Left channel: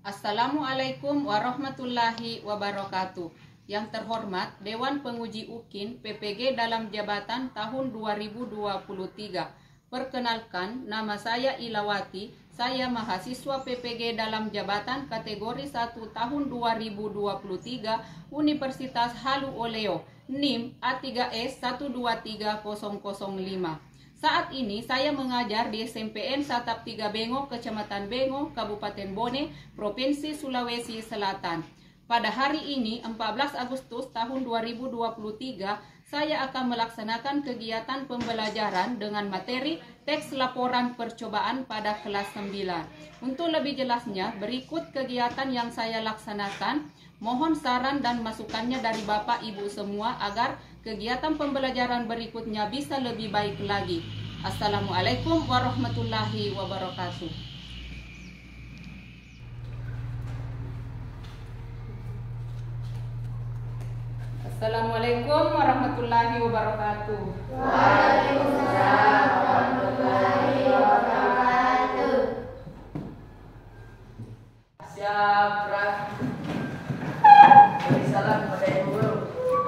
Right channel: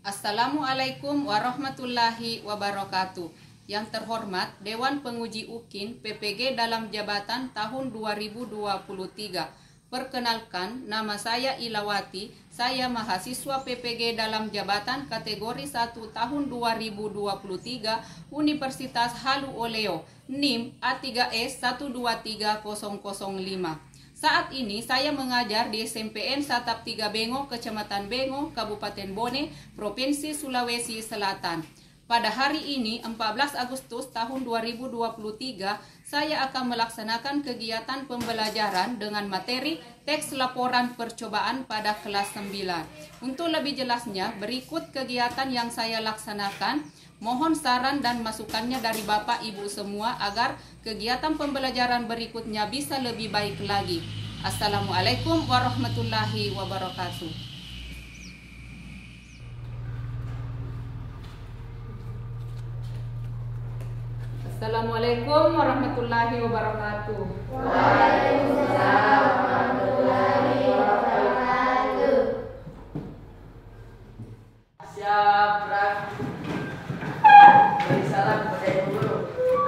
Assalamualaikum warahmatullahi wabarakatuh. Yang terhormat Dewan Penguji UKIN PPG dalam jabatan tahun 2023. Perkenalkan, nama saya Ilawati. Saya mahasiswa PPG dalam jabatan kategori 1 tahun 2023 Universitas Halu Oleo, NIM A3S 123005. Saat ini saya mengajar di SMPN Satap 3 Bengo, Kecamatan Bengo, Kabupaten Bone, Provinsi Sulawesi Selatan. Pada hari ini, 14 Agustus tahun 2023, saya akan melaksanakan kegiatan pembelajaran dengan materi teks laporan percobaan pada kelas 9. Untuk lebih jelasnya, berikut kegiatan yang saya laksanakan. Mohon saran dan masukannya dari Bapak Ibu semua agar kegiatan pembelajaran berikutnya bisa lebih baik lagi. Assalamualaikum warahmatullahi wabarakatuh. Assalamualaikum warahmatullahi wabarakatuh. Waalaikumsalam warahmatullahi wabarakatuh. Siap, beri salam kepada Ibu Guru.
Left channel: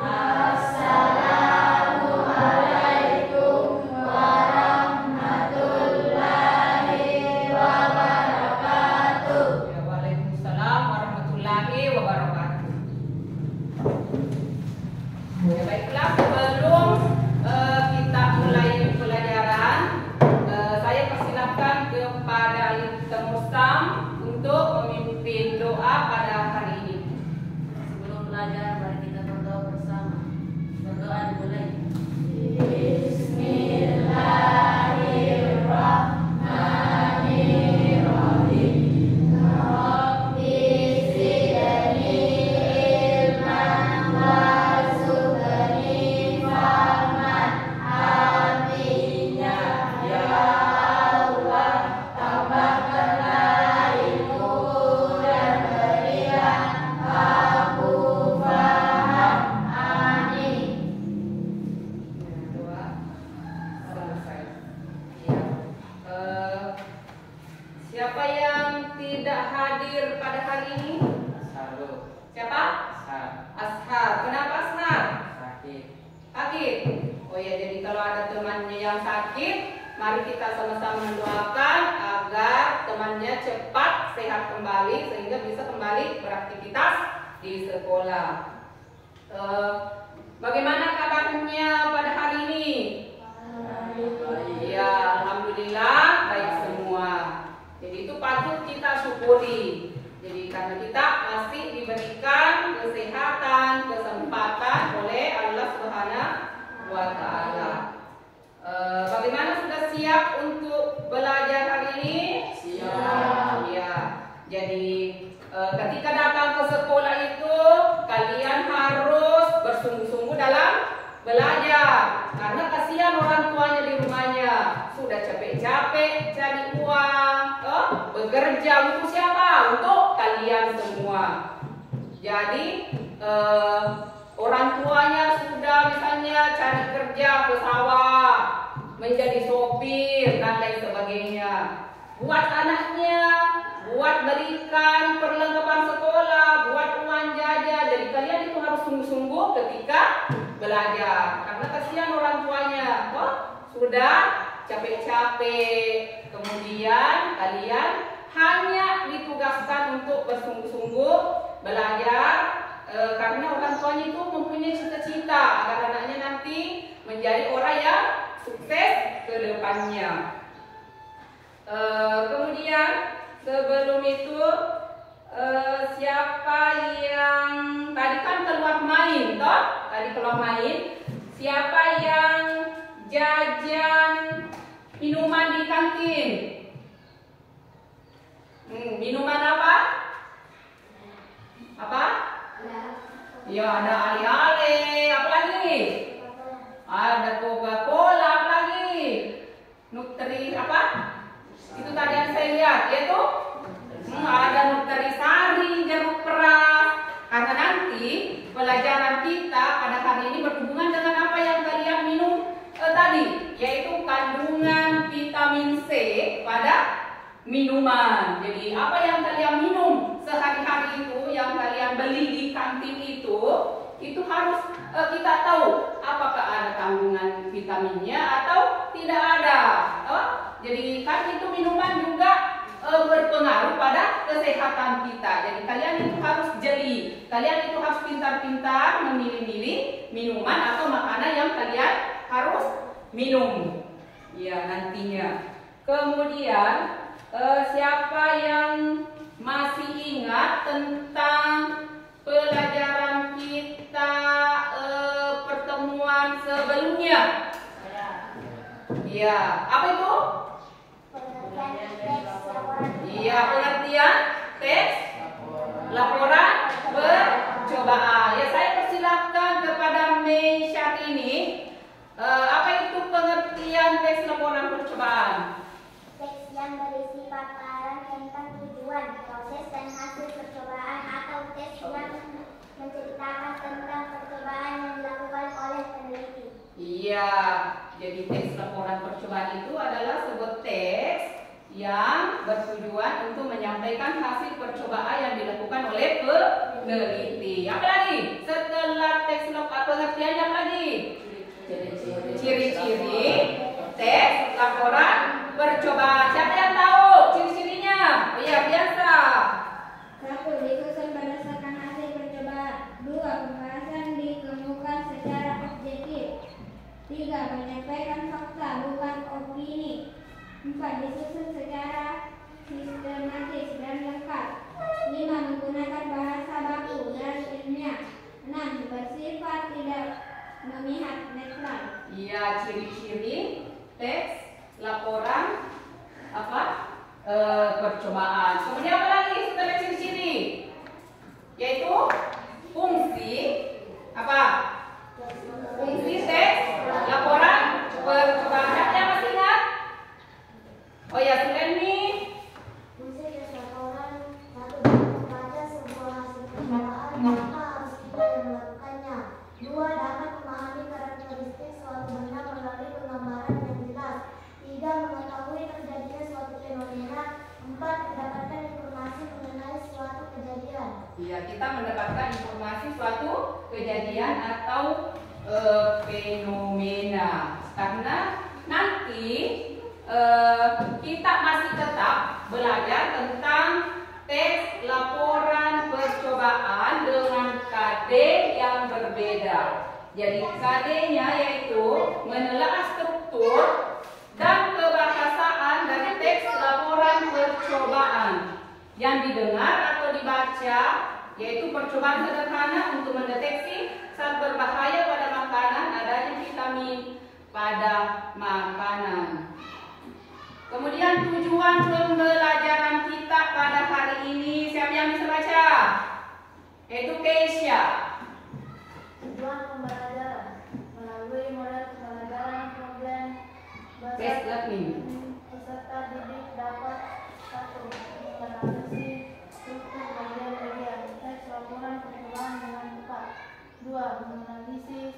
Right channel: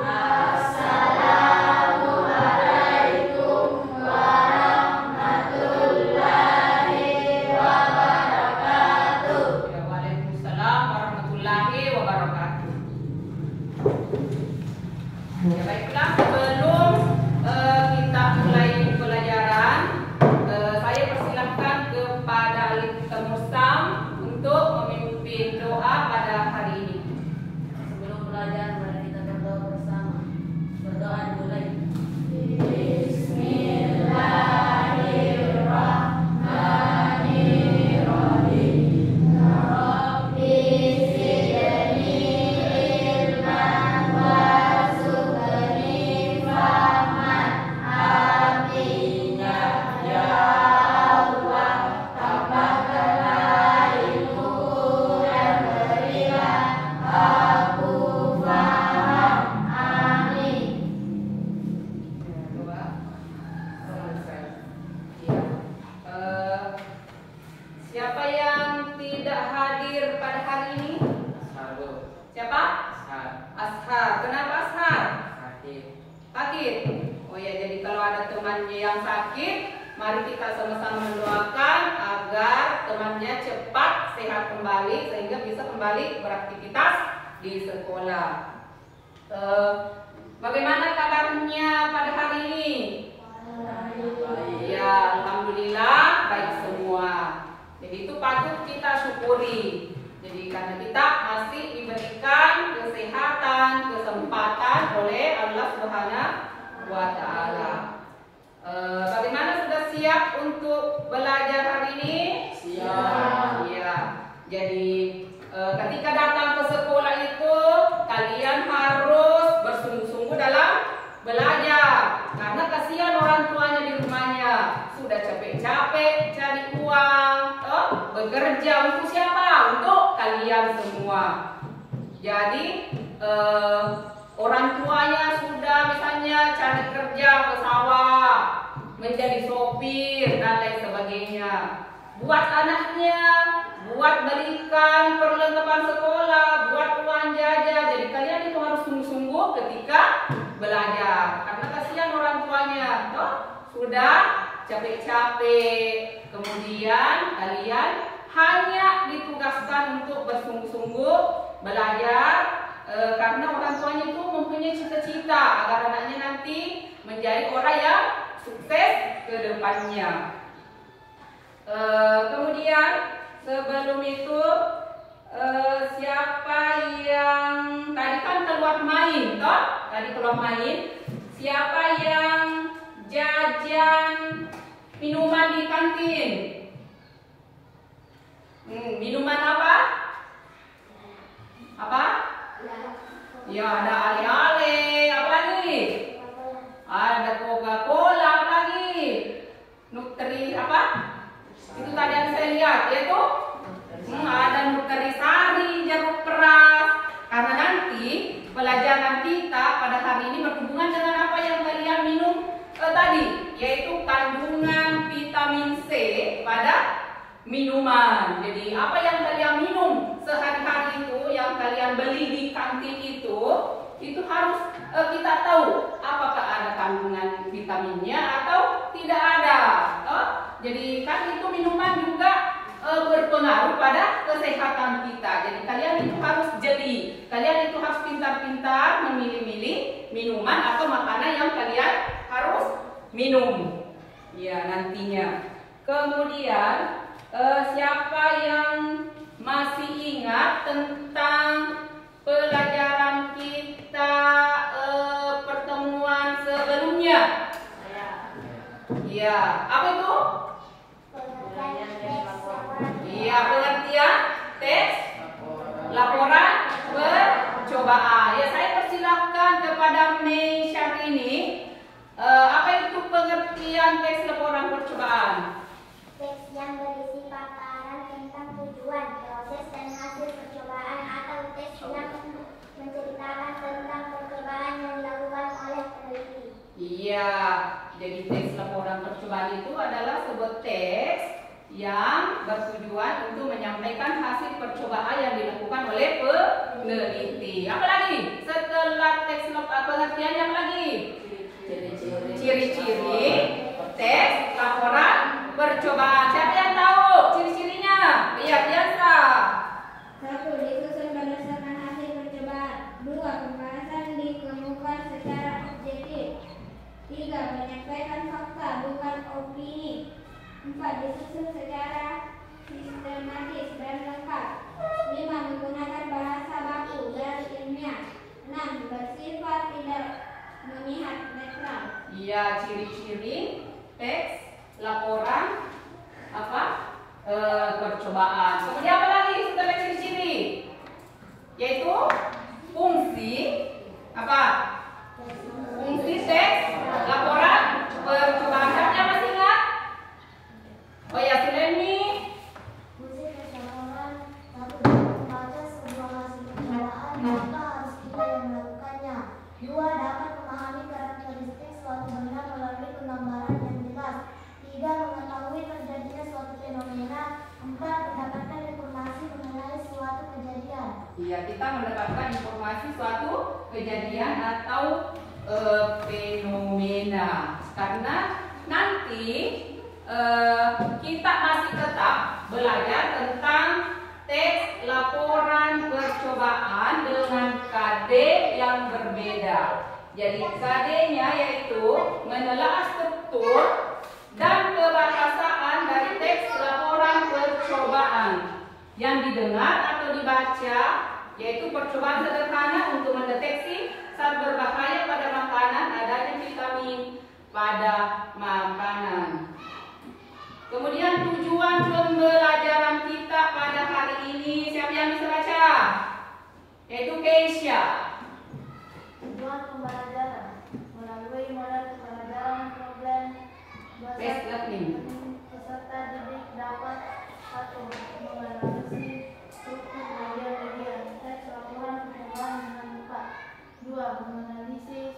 Assalamualaikum warahmatullahi wabarakatuh. Waalaikumsalam warahmatullahi wabarakatuh. Ya, baiklah, sebelum kita mulai pelajaran, saya persilahkan kepada Mustam untuk memimpin doa pada hari ini. Sebelum belajar, mari kita berdoa bersama. Berdoa dimulai. Bismillahirrahmanirrahim. Rabbi zidni ilman warzuqni fahman. Artinya, ya Allah, tambahkanlah ilmu dan berilah aku paham. Amin. Doa selesai. Ya. Siapa yang tidak hadir pada hari ini? Siapa? Ashar. Kenapa Ashar? Sakit. Oh ya, jadi kalau ada temannya yang sakit, mari kita sama-sama mendoakan agar temannya cepat sehat kembali sehingga bisa kembali beraktivitas di sekolah. Bagaimana kabarnya pada hari ini? Ya, alhamdulillah baik semua. Jadi itu patut kita syukuri. Jadi karena kita masih diberikan kesehatan, kesempatan oleh Allah Subhanahu wa Ta'ala. Bagaimana, sudah siap untuk belajar hari ini? Siap. Ya. Jadi ketika datang ke sekolah itu kalian harus bersungguh-sungguh dalam belajar. Karena kasihan orang tuanya di rumahnya, sudah capek-capek cari uang, bekerja untuk siapa? Untuk kalian semua. Jadi orang tuanya sudah misalnya cari kerja ke sawah, menjadi sopir dan lain sebagainya. Buat anaknya, buat berikan perlengkapan sekolah, buat uang jajan. Jadi kalian itu harus sungguh-sungguh ketika belajar. Karena kasihan orang tuanya, sudah capek-capek. Kemudian kalian hanya ditugaskan untuk bersungguh-sungguh belajar. Karena orang tuanya itu mempunyai cita-cita agar anaknya nanti menjadi orang yang sukses ke depannya. Kemudian sebelum itu siapa yang tadi kan keluar main, siapa yang jajan minuman di kantin? Minuman apa? Ya, ada ale-ale, apa lagi? Ada Coca-Cola, apa lagi? Nutri apa? Itu tadi yang saya lihat, yaitu ada Nutrisari, jeruk peras. Karena nanti pelajaran kita pada hari ini berhubungan dengan apa yang kalian minum tadi, yaitu kandungan vitamin C pada minuman. Jadi apa yang kalian minum itu harus kita tahu apakah ada kandungan vitaminnya atau tidak ada. Jadi kan itu minuman juga berpengaruh pada kesehatan kita. Jadi kalian itu harus jeli, kalian itu harus pintar-pintar memilih-milih minuman atau makanan yang kalian harus minum. Ya, nantinya. Kemudian siapa yang masih ingat tentang pelajaran kita pertemuan sebelumnya? Ya, apa itu? Iya, pengertian teks laporan percobaan. Ya, saya persilahkan kepada Mei Syahrini. Apa itu pengertian teks laporan percobaan? Teks yang berisi paparan tentang tujuan, proses, dan hasil percobaan, atau teks yang menceritakan tentang percobaan yang dilakukan oleh peneliti. Iya, jadi teks laporan percobaan itu adalah sebuah teks yang bertujuan untuk menyampaikan hasil percobaan yang dilakukan oleh peneliti. Apa lagi? Setelah teks pengertian yang lagi? Ciri-ciri teks laporan percobaan. Siapa yang tahu ciri-cirinya? Iya, biasa. 1. Disusun berdasarkan hasil percobaan. 2. Pembahasan dikemukakan secara objektif. 3. Menyampaikan fakta bukan opini. 4. Disusun secara sistematis dan lengkap. 5. Menggunakan bahasa baku dan ilmiah. 6. Bersifat tidak memihak, netral. Iya, ciri-ciri teks laporan percobaan. Kemudian apa lagi setelah ciri-ciri? Yaitu fungsi apa? Fungsi teks laporan percobaan. Siapa yang masih ingat? Oh ya, Suleni. Fungsi teks laporan: 1. Membaca sebuah hasil percobaan, maka harus kita yang melakukannya. 2. Dapat memahami karakteristik suatu benda melalui penggambaran yang jelas. 3. Mengetahui terjadinya suatu fenomena. 4. Mendapatkan informasi mengenai suatu kejadian. Iya, kita mendapatkan informasi suatu kejadian atau fenomena. Karena nanti kita masih tetap belajar tentang teks laporan percobaan dengan KD yang berbeda. Jadi KD-nya yaitu menelaah struktur dan kebahasaan dari teks laporan percobaan yang didengar atau dibaca, yaitu percobaan sederhana untuk mendeteksi zat berbahaya pada makanan, adanya vitamin pada makanan. Kemudian tujuan pembelajaran kita pada hari ini, siapa yang bisa baca? Yaitu Keisha. Tujuan pembelajaran melalui model pembelajaran problem Best learning. peserta didik dapat 1. Menganalisis struktur bagian-bagian teks laporan percobaan dengan tepat. 2. Menganalisis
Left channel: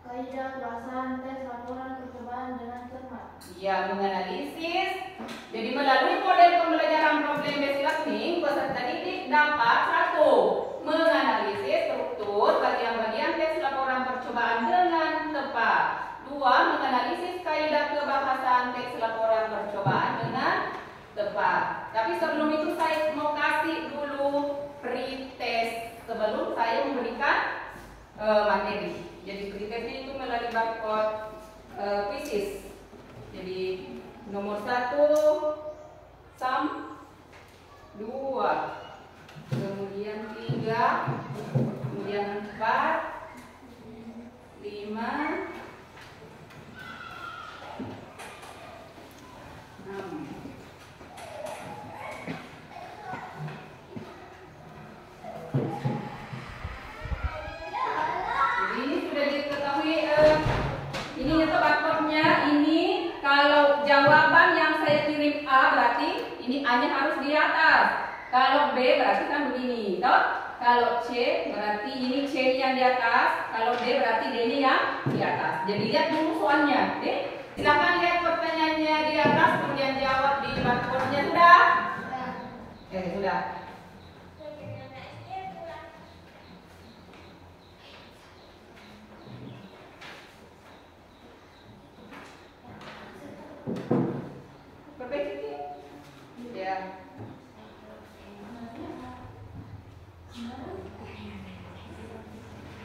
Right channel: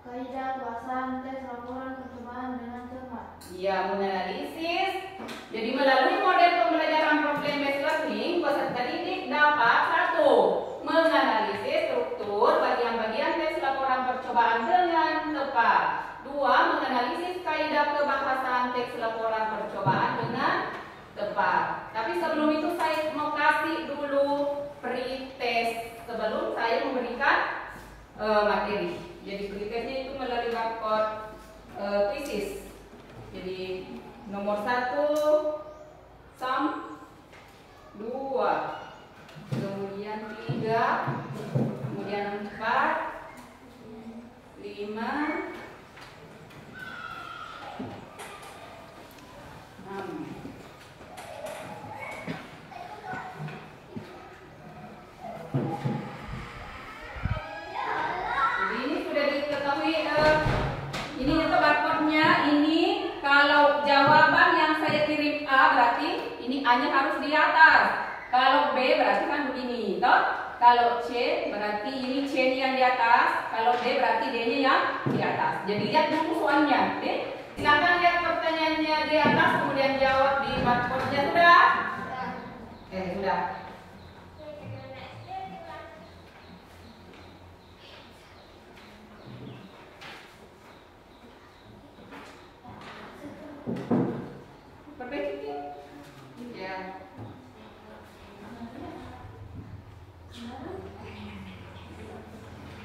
kaidah bahasan teks laporan percobaan dengan cermat. Ya, menganalisis. Jadi melalui model pembelajaran problem based learning, peserta didik dapat 1. Menganalisis struktur bagian-bagian teks laporan percobaan dengan tepat. 2. Menganalisis kaidah kebahasan teks laporan percobaan dengan tepat. Tapi sebelum itu saya mau kasih dulu pretest sebelum saya memberikan materi. Jadi pretestnya itu melalui barcode quizzes. Jadi nomor 1 sum, 2, kemudian 3, kemudian 4, 5, 6. Jadi ini sudah diketahui, ini itu barcode-nya. Ini kalau jawaban yang saya kirim A berarti ini A-nya harus di atas. Kalau B berarti kan begini, toh? Kalau C berarti ini C yang di atas. Kalau D berarti D-nya yang di atas. Jadi lihat dulu soalnya. Silakan lihat pertanyaannya di atas, kemudian jawab di barcode-nya. Sudah? Sudah.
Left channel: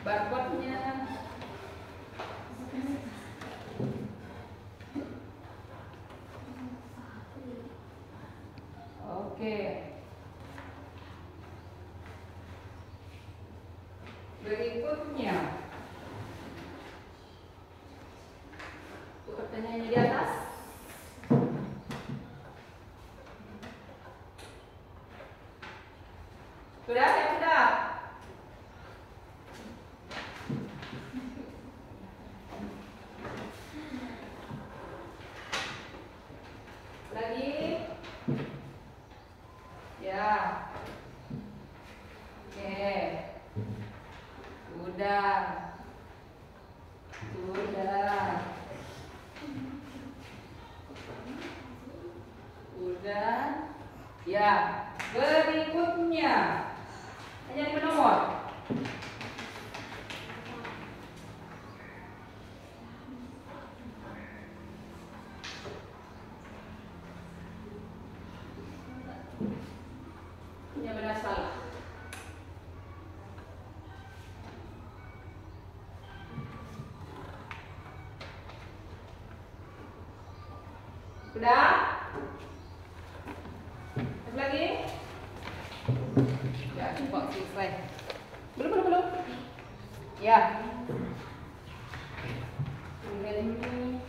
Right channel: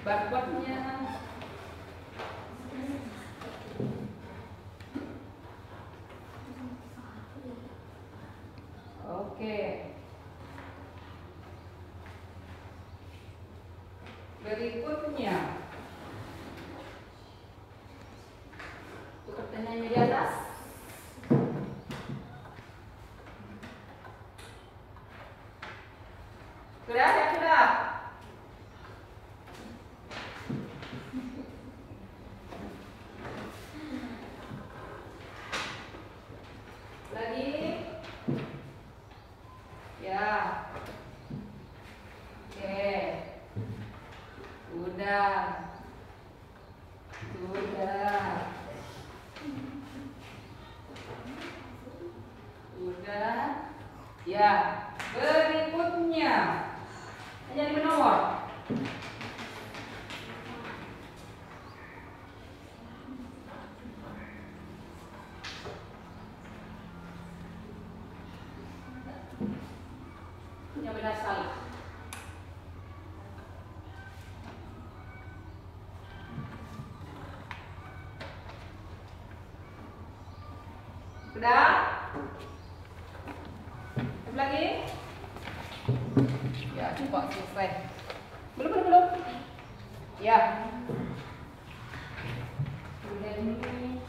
barcode-nya. Oke. Berikutnya. Itu pertanyaannya di atas. Sudah, ya sudah. Lagi. Ya. Oke. Sudah. Sudah. Sudah. Ya. Berikutnya. Hanya 5 nomor. Yang benar salah. Sudah? Satu lagi? Ya, coba selesai. Belum. Ya. Ini.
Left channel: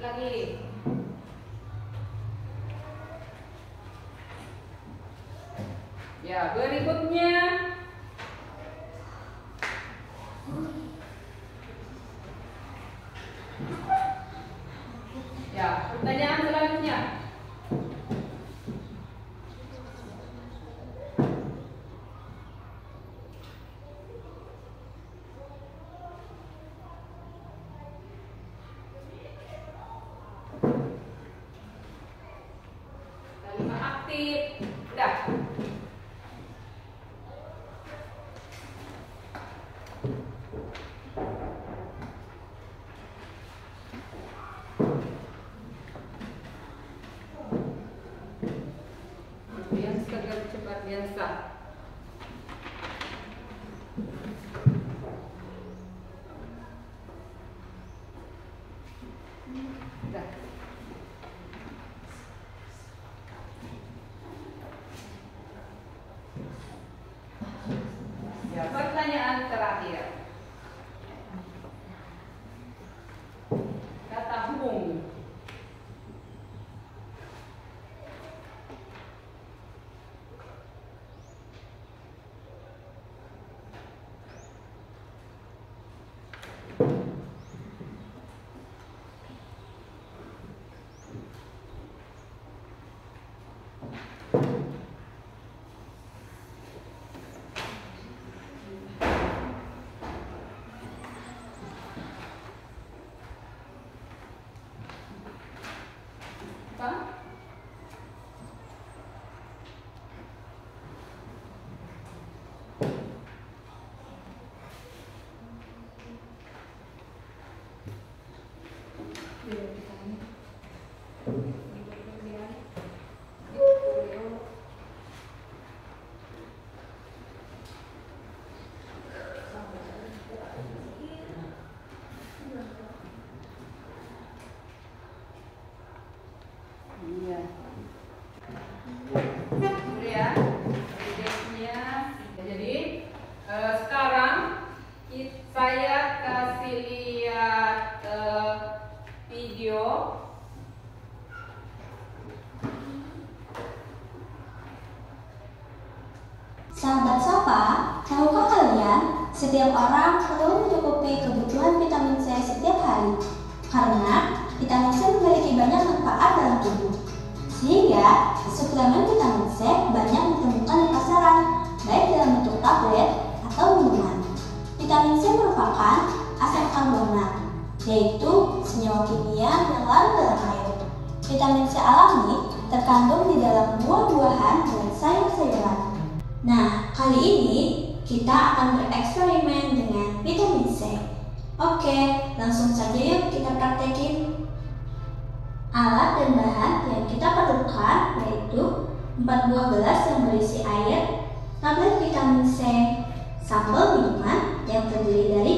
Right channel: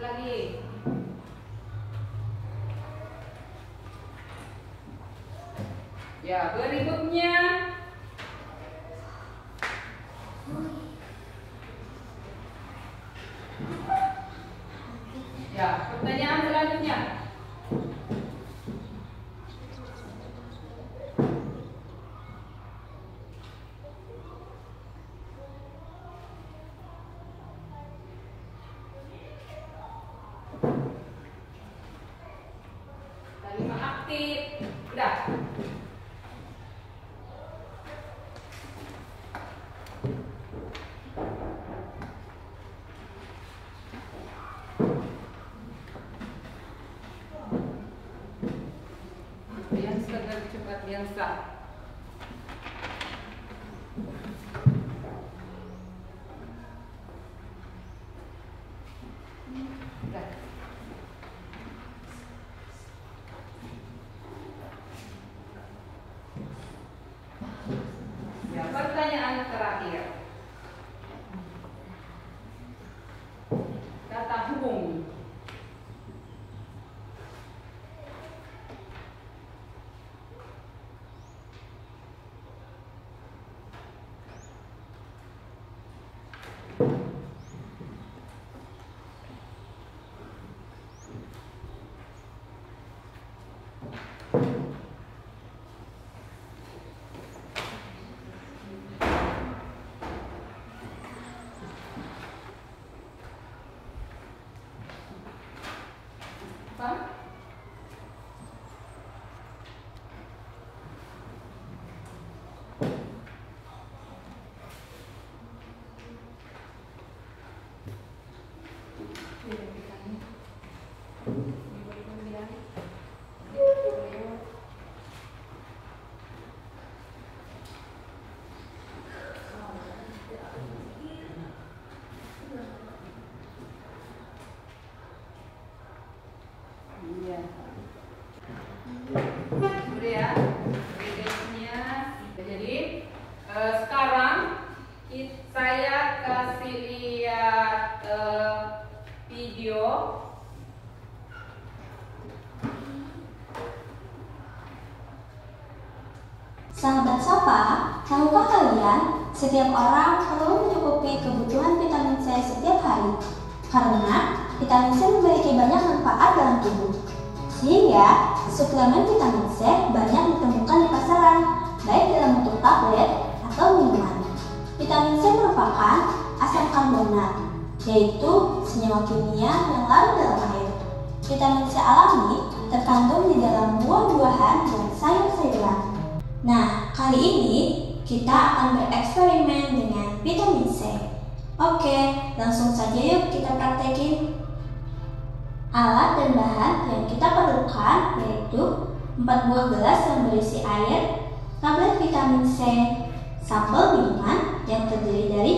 Lagi. Ya, berikutnya. Ya, pertanyaan selanjutnya. Kalimat aktif. Udah. Yang segera cepat yang sah. Udah. Ya, pertanyaan terakhir. Kata hubung. Apa? Iya. Udah ya, idenya. Jadi sekarang saya kasih lihat video. Sahabat Sapa, tahukah kalian setiap orang perlu mencukupi kebutuhan vitamin C setiap hari? Karena vitamin C memiliki banyak manfaat dalam tubuh. Sehingga suplemen vitamin C banyak ditemukan di pasaran, baik dalam bentuk tablet atau minuman. Vitamin C merupakan asam karbonat, yaitu senyawa kimia yang larut dalam air. Vitamin C alami terkandung di dalam buah-buahan dan sayur-sayuran. Nah, kali ini kita akan bereksperimen dengan vitamin C. Oke, langsung saja yuk kita praktekin. Alat dan bahan yang kita perlukan yaitu 4 buah gelas yang berisi air, tablet vitamin C, sampel minuman yang terdiri dari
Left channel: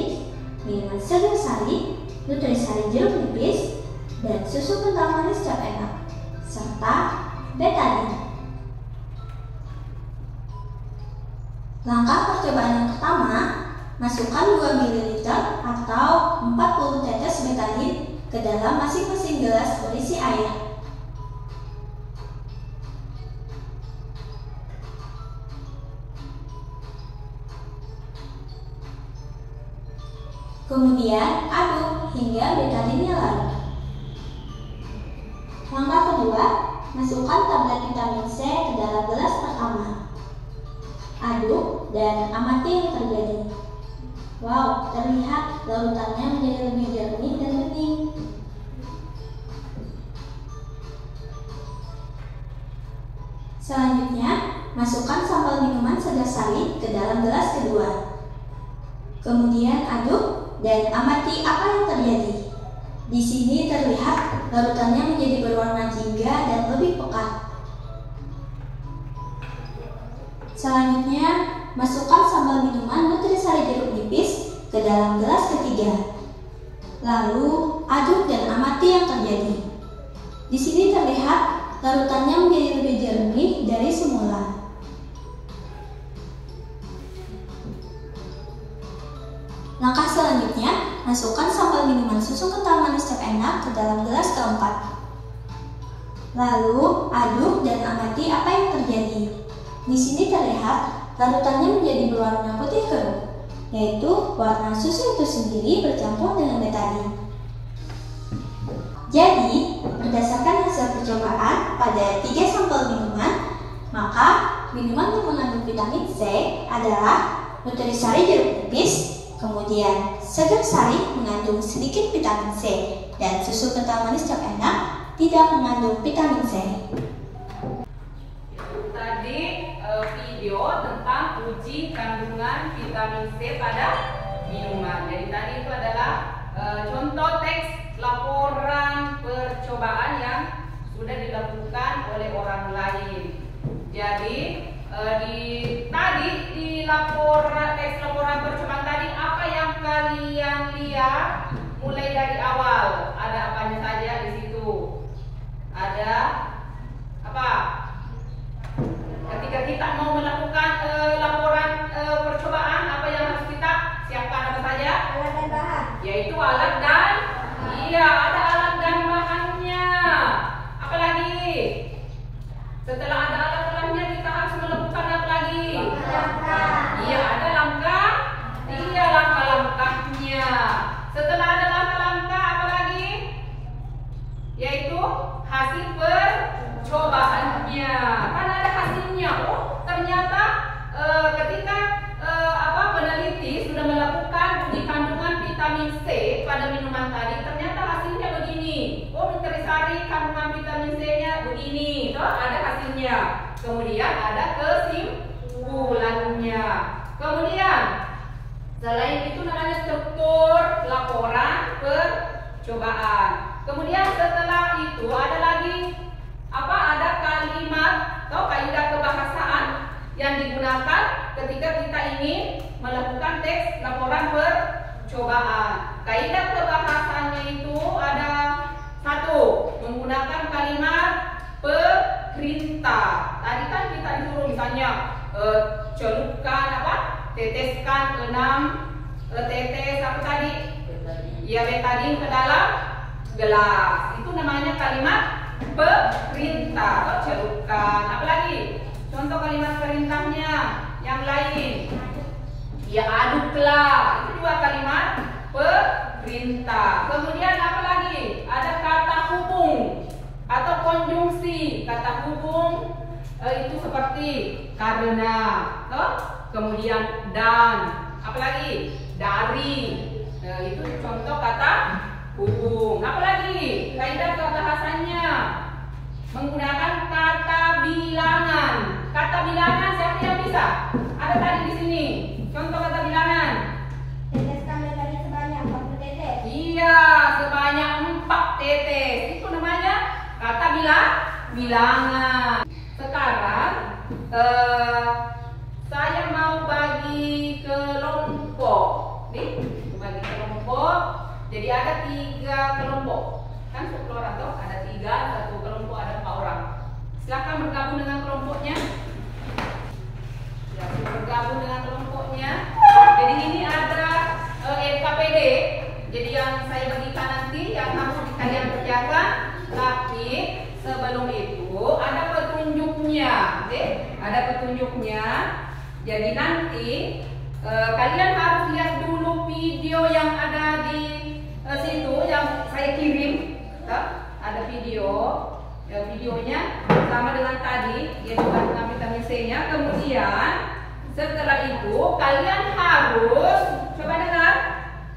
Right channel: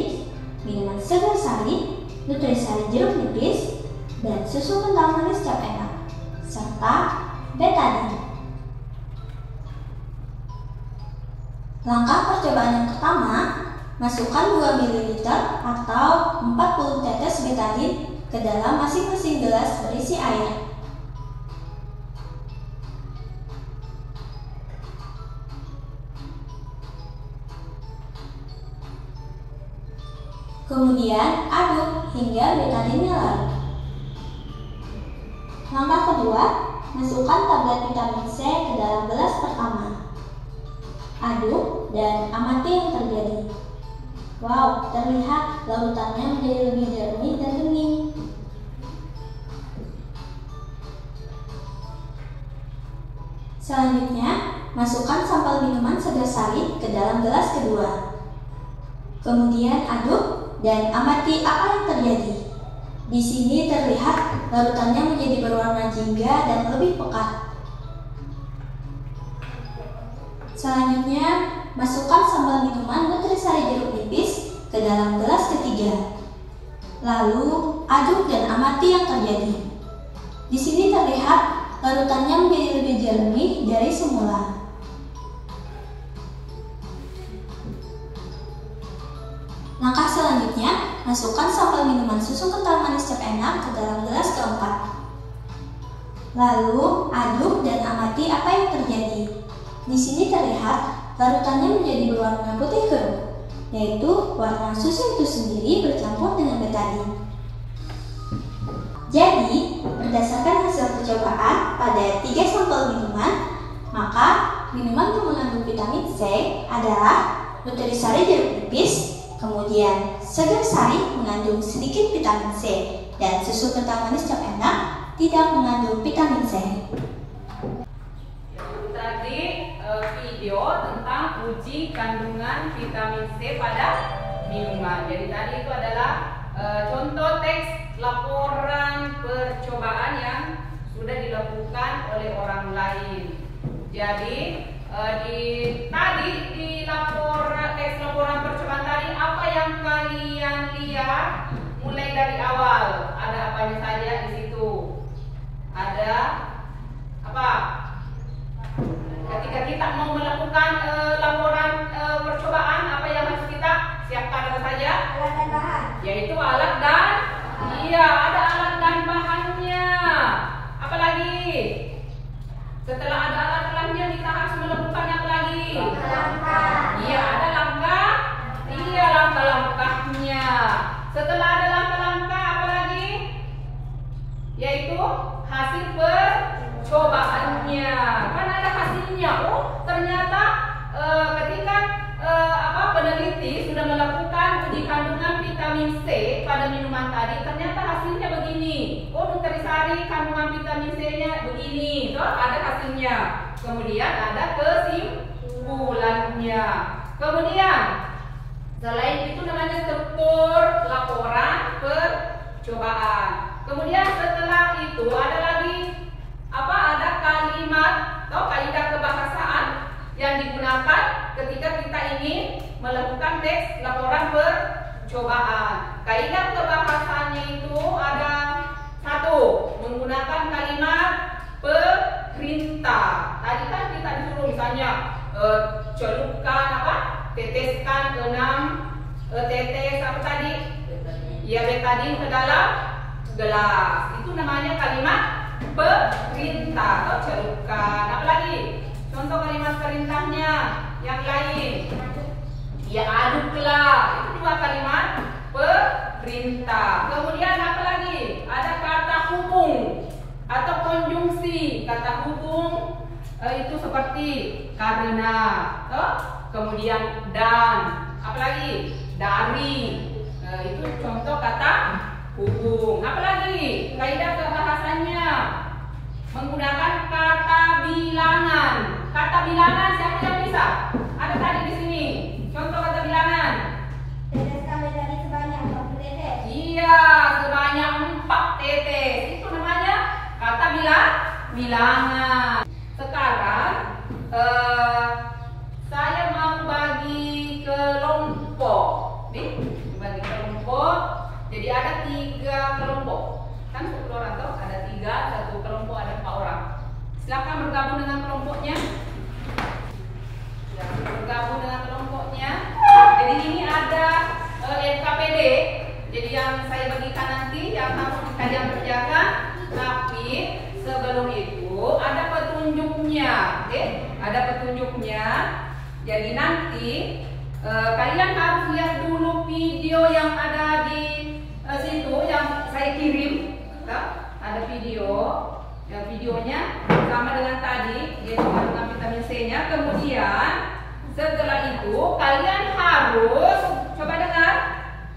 minuman segar sari, nutrisari jeruk nipis, dan susu kental manis cap enak, serta betadine. Langkah percobaan yang pertama, masukkan 2 ml atau 40 tetes betadine ke dalam masing-masing gelas berisi air. Kemudian aduk hingga betadine larut. Langkah kedua, masukkan tablet vitamin C ke dalam gelas pertama. Aduk dan amati yang terjadi. Wow, terlihat larutannya menjadi lebih jernih dan bening. Selanjutnya, masukkan sampel minuman segar sari ke dalam gelas kedua. Kemudian aduk dan amati apa yang terjadi. Di sini terlihat larutannya menjadi berwarna jingga dan lebih pekat. Selanjutnya, masukkan sambal minuman nutrisari jeruk nipis ke dalam gelas ketiga. Lalu, aduk dan amati yang terjadi. Di sini terlihat larutannya menjadi lebih jernih dari semula. Langkah selanjutnya, masukkan sampel minuman susu kental manis cap enak ke dalam gelas keempat. Lalu, aduk dan amati apa yang terjadi. Di sini terlihat larutannya menjadi berwarna putih keruh, yaitu warna susu itu sendiri bercampur dengan betadine. Jadi, berdasarkan hasil percobaan pada 3 sampel minuman, maka minuman yang mengandung vitamin C adalah nutrisari jeruk nipis, kemudian segar sari mengandung sedikit vitamin C, dan susu kental manis cap enak tidak mengandung vitamin C. Tadi video tentang uji kandungan vitamin C pada minuman. Jadi tadi itu adalah contoh teks laporan percobaan yang sudah dilakukan oleh orang lain. Jadi tadi di teks laporan percobaan tadi apa yang kalian lihat mulai dari awal? Ada apanya saja di situ? Ada apa? Ketika kita mau melakukan laporan percobaan, apa yang harus kita siapkan apa saja? Alat dan bahan. Yaitu alat dan ada alat dan bahannya. Apa lagi? Setelah ada alat dan bahannya, kita harus melakukan apa lagi? Ada langkah-langkahnya. Setelah ada langkah-langkah, apa lagi? Yaitu hasil percobaannya. Kan ada hasilnya. Oh, ternyata ketika peneliti sudah melakukan uji kandungan vitamin C pada minuman tadi, ternyata hasilnya begini. Oh, nutrisari kandungan vitamin C-nya begini. So, ada hasilnya. Kemudian ada kesimpulannya. Kemudian selain itu namanya struktur laporan percobaan. Kemudian setelah itu ada lagi ada kalimat atau kaidah kebahasaan yang digunakan ketika kita ingin melakukan teks laporan percobaan. Kaidah kebahasaannya itu ada 1, menggunakan kalimat perintah. Tadi kan kita disuruh misalnya celupkan teteskan 6 tetes tadi? Betadine ke dalam gelas. Itu namanya kalimat perintah atau celupkan. Apalagi contoh kalimat perintahnya yang lain? Aduklah. Itu juga kalimat perintah. Kemudian apa lagi? Ada kata hubung atau konjungsi. Kata hubung itu seperti karena, kemudian dan, apalagi dari. Itu contoh kata hubung. Apalagi kaidah kebahasannya menggunakan kata bilangan. Kata bilangan siapa yang bisa? Ada tadi di sini. Contoh kata bilangan. Teteskan betadine sebanyak 40 tetes. Sebanyak 4 tetes. Itu namanya bilangan. Sekarang saya mau bagi kelompok. Nih, bagi kelompok. Jadi ada 3 kelompok. Kan 10 orang tuh, ada 3, satu kelompok ada 4 orang. Silakan bergabung dengan kelompoknya. Ya, bergabung dengan kelompoknya. Jadi ini ada NKPD. Jadi yang saya bagikan nanti yang harus kalian kerjakan. Tapi sebelum itu ada petunjuknya, oke? Ada petunjuknya. Jadi nanti kalian harus lihat dulu video yang ada di situ yang saya kirim. Ada video, ya, videonya sama dengan tadi, yaitu dengan vitamin C-nya. Kemudian setelah itu kalian harus coba dengar,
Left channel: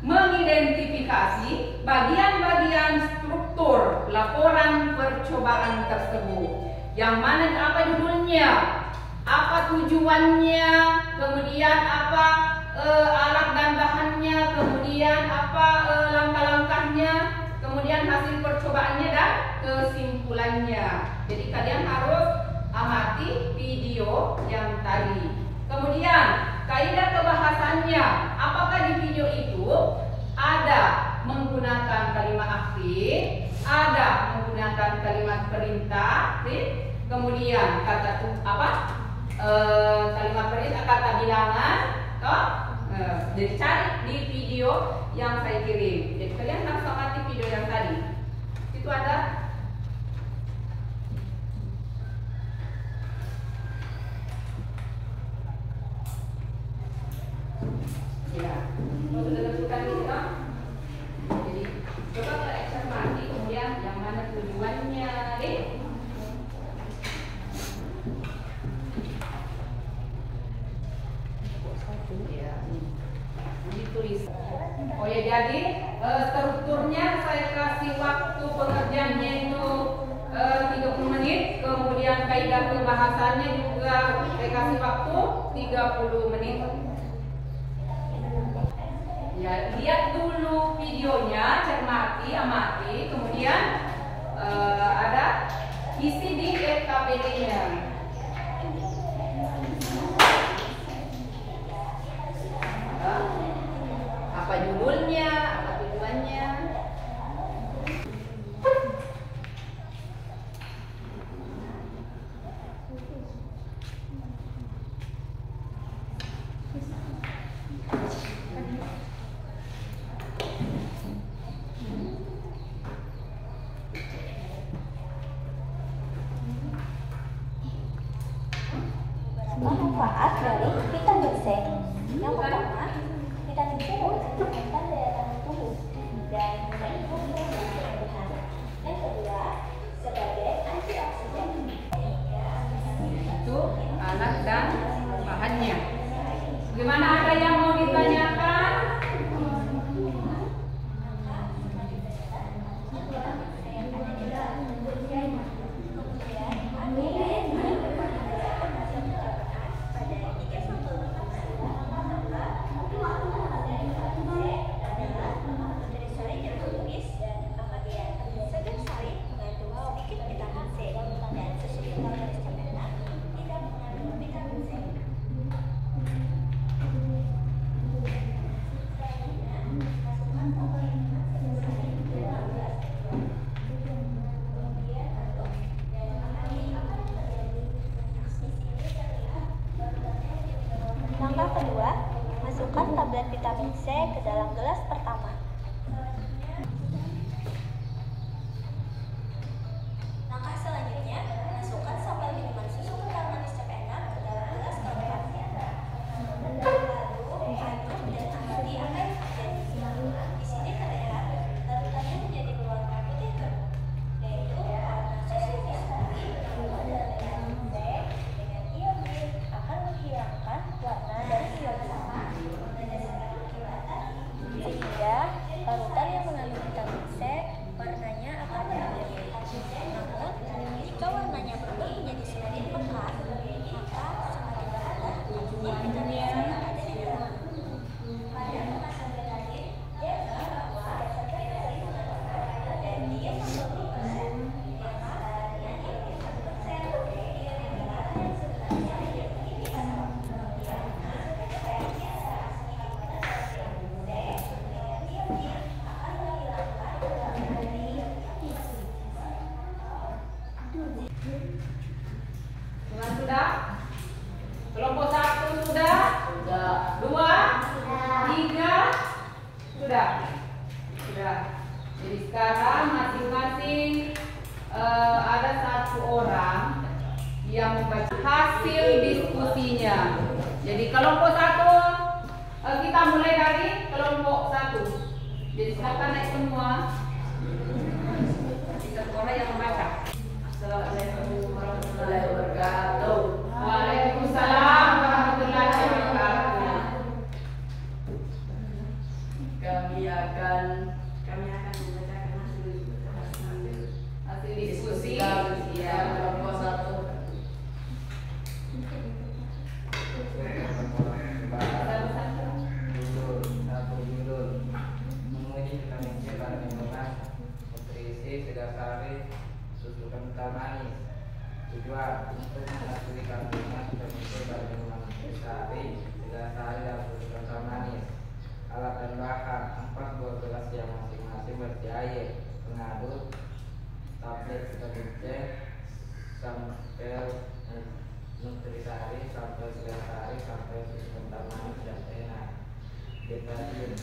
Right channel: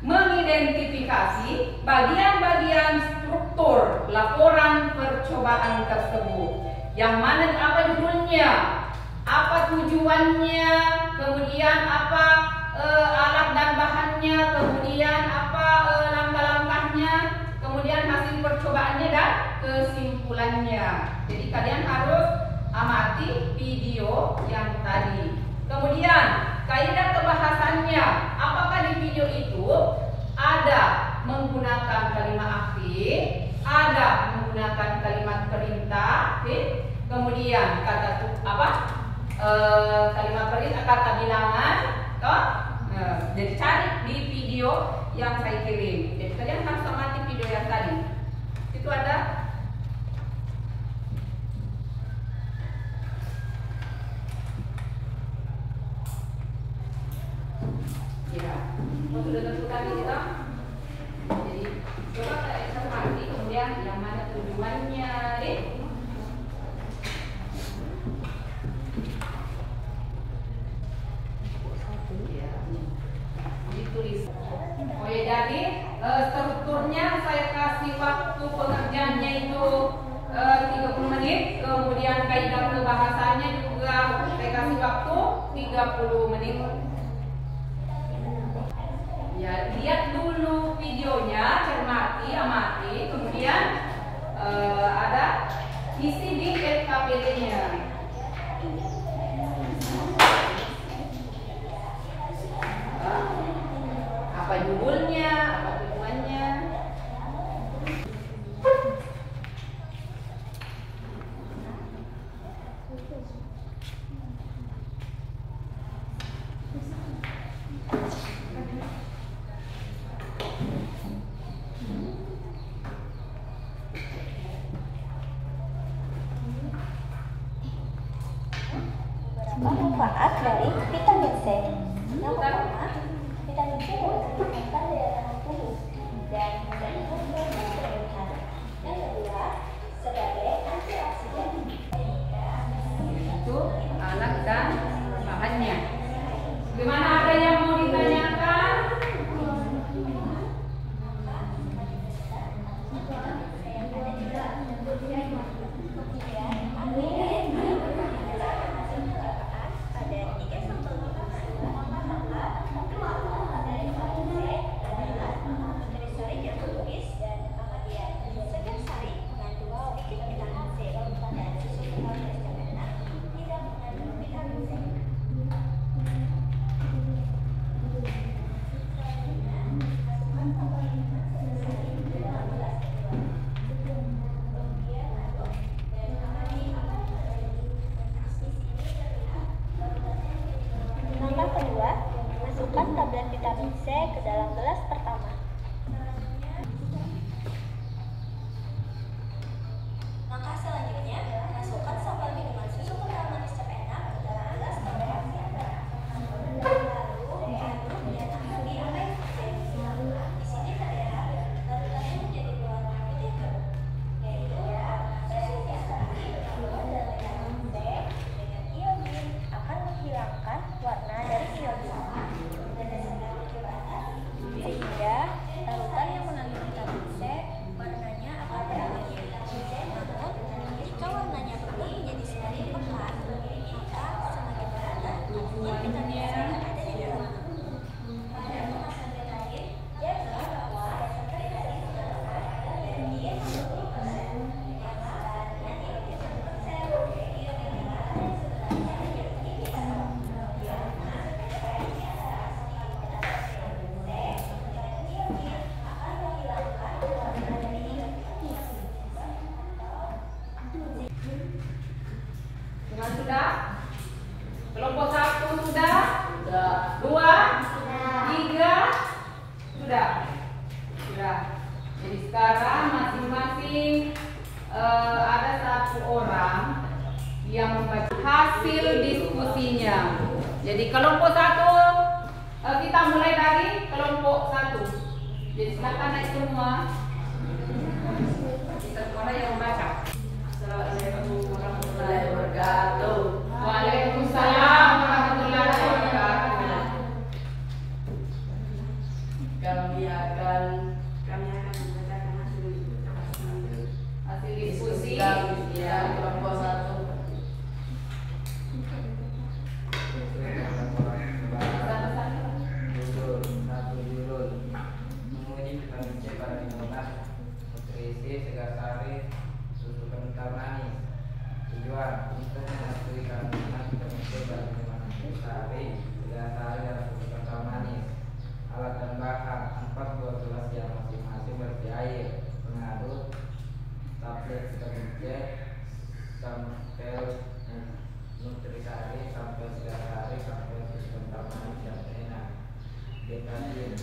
mengidentifikasi bagian-bagian struktur laporan percobaan tersebut. Yang mana apa judulnya, apa tujuannya, kemudian apa alat dan bahannya, kemudian apa langkah-langkahnya, kemudian hasil percobaannya dan kesimpulannya. Jadi kalian harus amati video yang tadi. Kemudian kaidah kebahasannya, apakah di video itu ada menggunakan kalimat aktif, ada menggunakan kalimat perintah, kemudian kalimat perintah, kata bilangan, toh? Jadi cari di video yang saya kirim. Jadi kalian harus amati video yang tadi. Itu ada. Ya, menentukan kita. Jadi coba kita cermati kemudian yang mana tujuannya, ditulis. Oh ya, jadi strukturnya saya kasih waktu pengerjaannya itu 30 menit. Kemudian kaidah kebahasannya juga saya kasih waktu 30 menit. Ya, lihat dulu videonya, cermati, amati, kemudian ada isi di NKPD-nya. Apa judulnya, apa tujuannya. Manfaat dari vitamin C. Yang pertama, vitamin C meningkatkan daya tahan tubuh dan mendukung kesembuhan. Yang kedua, sebagai antioksidan. Itu alat dan bahannya. Gimana, ada yang mau ditanyakan? Langkah kedua, masukkan tablet vitamin C ke dalam gelas pertama. Langkah selanjutnya, masukkan sampel minuman susu kental manis terenak ke dalam gelas kedua. Lalu, aduk dan amati air. Di sini terlihat larutannya menjadi berwarna putih kemuk, yaitu warna susu pastry dalam vitamin C dengan iodin akan menghilangkan warna dari iodin. Sehingga Sekarang masing-masing ada satu orang yang membaca hasil diskusinya. Jadi kelompok satu, kita mulai dari kelompok satu. Jadi silakan naik semua. Satu orang yang membaca. Assalamualaikum warahmatullahi wabarakatuh. Waalaikumsalam warahmatullahi wabarakatuh. Kami akan membacakan hasil Diskusi ya kelompok satu. Judul menguji vitamin C pada minuman nutrisi segar sari susu kental manis. Tujuan untuk mengetahui kandungan vitamin C pada minuman nutrisi sari segar sari dan susu kental manis. Alat dan bahan: 4 buah gelas yang masing-masing berisi air, pengaduk, tablet vitamin C, sampel nutrisari, sampel segar sari, sampel susu kental manis dan enak. Deterjen.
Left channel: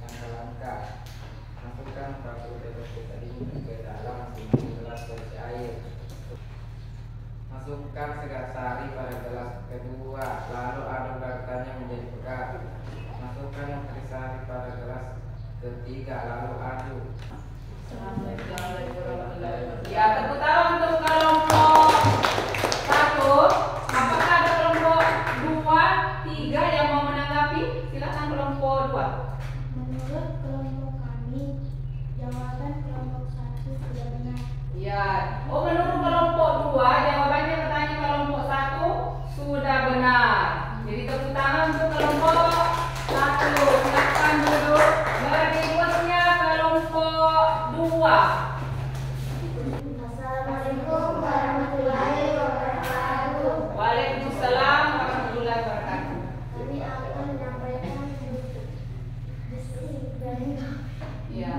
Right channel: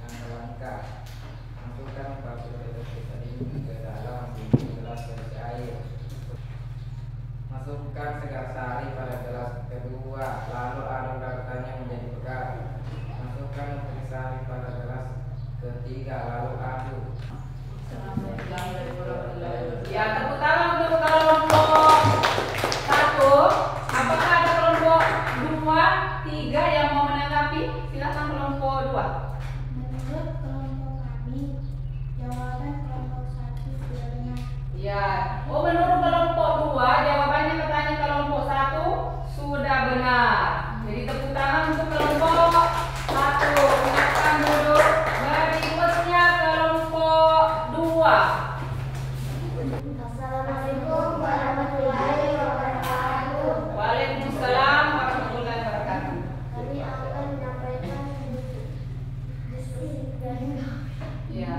Langkah-langkah: masukkan 40 tetes tadi ke dalam masing-masing gelas berisi air. Masukkan segar sari pada gelas kedua, lalu aduk garatannya menjadi pekat. Masukkan nutrisari pada gelas ketiga, lalu aduk. Ya, tepuk tangan untuk kelompok satu. Apakah ada kelompok 2, 3 yang mau menanggapi? Silakan kelompok 2. Menurut kelompok kami, jawaban kelompok 1 tidak benar. Ya, menurut kelompok 2 jawabannya katanya kelompok 1 sudah benar. Jadi tepuk tangan untuk kelompok 1. Silakan duduk. Berikutnya kelompok 2. Assalamualaikum warahmatullahi wabarakatuh. Waalaikumsalam warahmatullahi wabarakatuh. Kami akan menyampaikan diskusi dari Ya.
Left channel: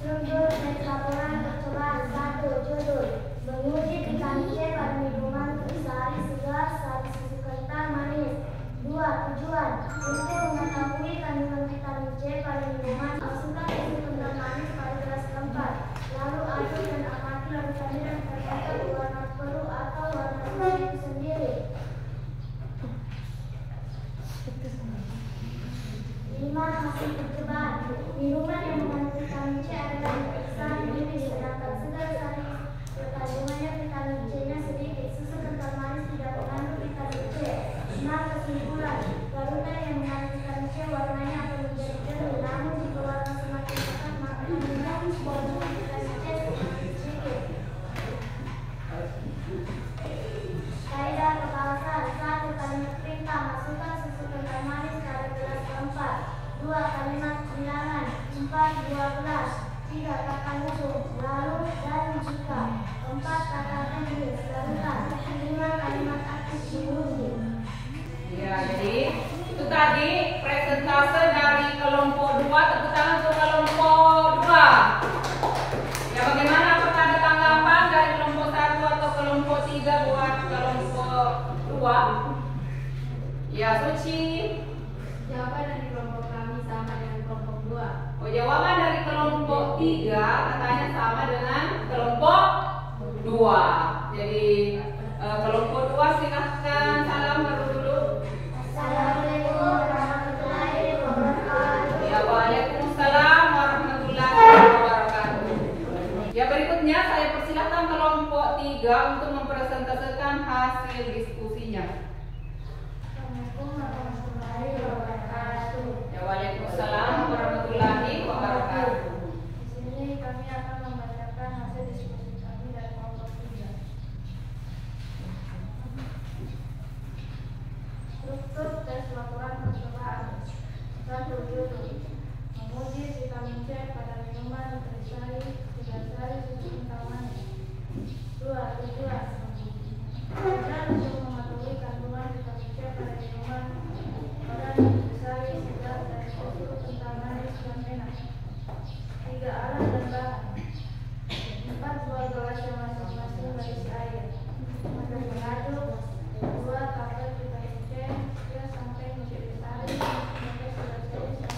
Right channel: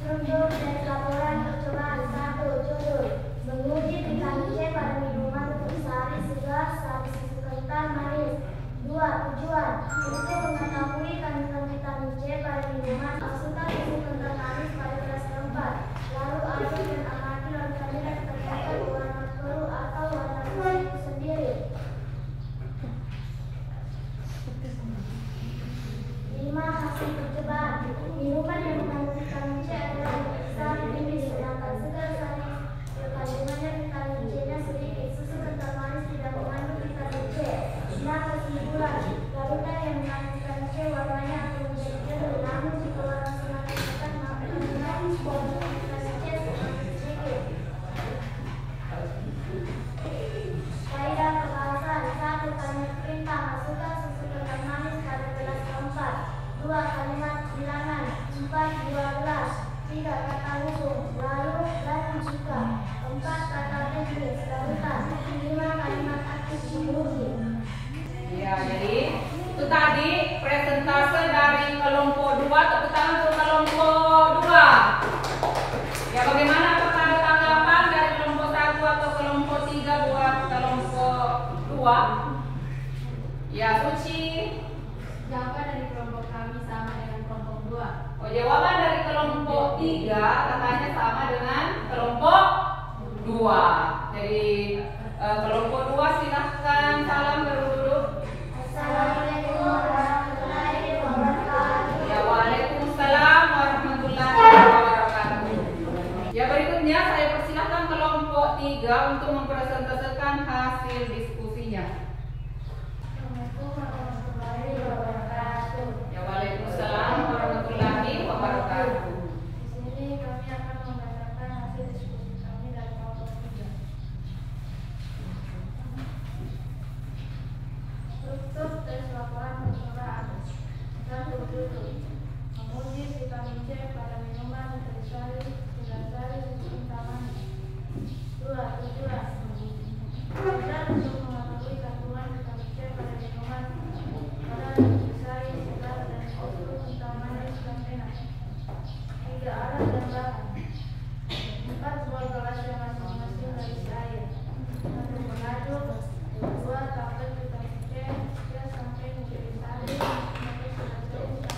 Struktur dan laporan percobaan 1. Judul: menguji vitamin C pada minuman nutrisari segar sari susu kental manis. 2. Tujuan: untuk mengetahui kandungan vitamin C pada minuman, masukkan susu kental manis pada gelas keempat, lalu aduk dan amati larutannya dan perhatikan warna biru atau warna susu itu sendiri. 5. Hasil percobaan: minuman yang mengandung vitamin C adalah nutrisari tipis, sedangkan segar sari kandungannya vitamin C-nya sedikit. Susu kental manis tidak mengandung vitamin C. 6. Kesimpulan: larutan yang mengandung vitamin C warnanya akan menjadi biru, namun jika warna semakin pekat maka kandungan vitamin C semakin sedikit. Kaidah pengawasan: 1. Kalimat perintah: masukkan susu kental manis pada gelas keempat. 2. Kalimat bilangan: 4 buah gelas. 3. Kata hukum: lalu dan jika. 4. Kata teknis: larutan. 5. Kalimat aktif menguji. Ya, jadi itu tadi presentase dari kelompok 2. Tepuk tangan untuk kelompok 2. Ya, bagaimana, apakah ada tanggapan dari kelompok 1 atau kelompok 3 buat kelompok 2? Ya, Suci. Jawaban dari kelompok kami sama dengan kelompok 2. Oh, jawaban dari kelompok 3 katanya sama dengan kelompok 2. Jadi kelompok 2 silahkan salam dulu. Assalamualaikum warahmatullahi wabarakatuh. Ya, waalaikumsalam warahmatullahi wabarakatuh. Ya, berikutnya saya persilahkan kelompok 3 untuk mempresentasikan hasil diskusinya. Assalamualaikum warahmatullahi wabarakatuh. Ya, waalaikumsalam warahmatullahi wabarakatuh. Di sini kami akan membacakan hasil diskusi kami dari kelompok 3. Struktur tes laporan percobaan. 1. Judul: menguji vitamin C pada minuman nutrisari segar sari susu kental manis. 2. Tujuan: tujuan untuk mengetahui kandungan vitamin C pada minuman nutrisari segar dan susu kental manis dan enak. 3. Alat dan bahan: 4 buah gelas yang masing-masing berisi air, 1 pengaduk, 2 tablet vitamin C, 3 sampai nutrisari, 4 segar sari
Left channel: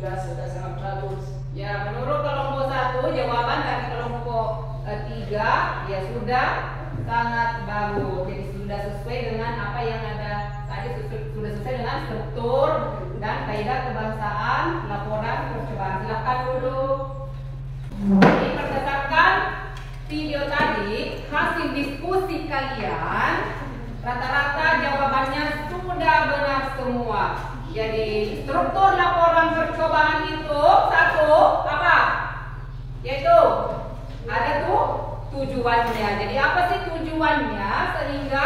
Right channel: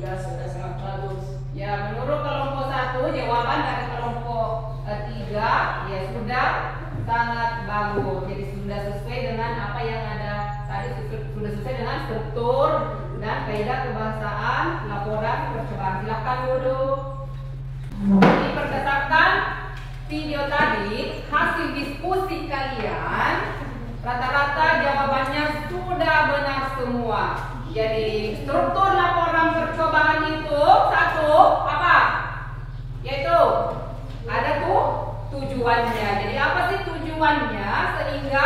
3 sudah sangat bagus. Ya, menurut kelompok 1 jawaban dari kelompok 3 ya sudah sangat bagus. Jadi sudah sesuai dengan apa yang ada tadi, sudah sesuai dengan struktur dan kaidah kebangsaan laporan percobaan. Silakan dulu. Jadi berdasarkan video tadi, hasil diskusi kalian rata-rata jawabannya sudah benar semua. Jadi struktur laporan percobaan itu satu apa? Yaitu ada tuh tujuannya. Jadi apa sih tujuannya? Sehingga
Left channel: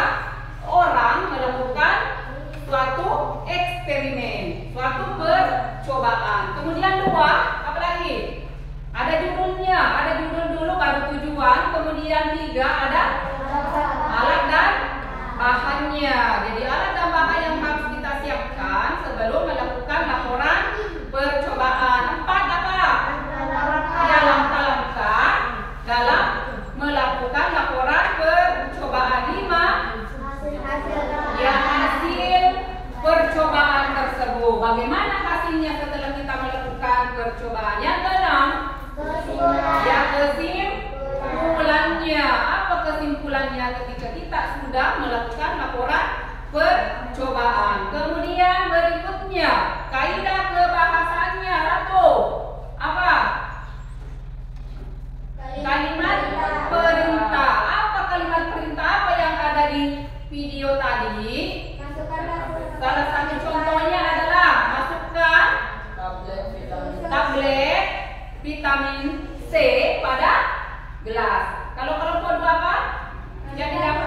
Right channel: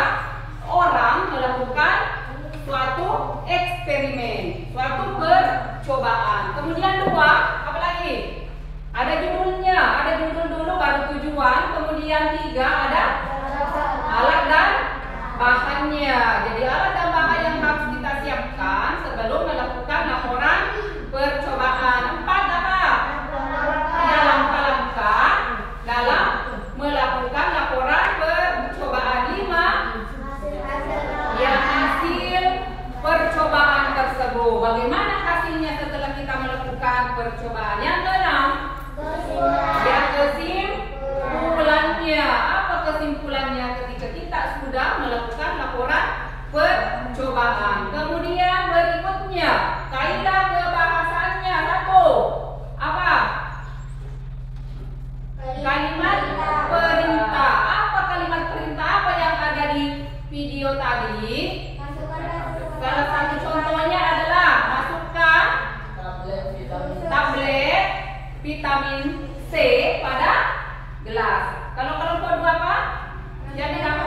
orang melakukan suatu eksperimen, suatu percobaan. Kemudian dua, apa lagi? Ada judulnya, ada judul dulu baru tujuan. Kemudian 3 ada alat dan bahannya. Jadi alat dan bahan yang harus kita siapkan sebelum melakukan laporan percobaan. 4 apa? Ya, langkah-langkah dalam melakukan laporan percobaan. 5 ya, hasil percobaan tersebut. Bagaimana hasilnya setelah kita melakukan percobaan? Yang ke-6 ya, kesimpulannya. Apa kesimpulannya ketika kita sudah melakukan laporan percobaan? Kemudian berikutnya kaidah kebahasaannya. 1 apa? Kalimat perintah. Apa kalimat perintah? Apa yang ada di video tadi? Salah satu contohnya adalah masukkan tablet vitamin C pada gelas. Kalau kelompok 2 apa? Jadi apa?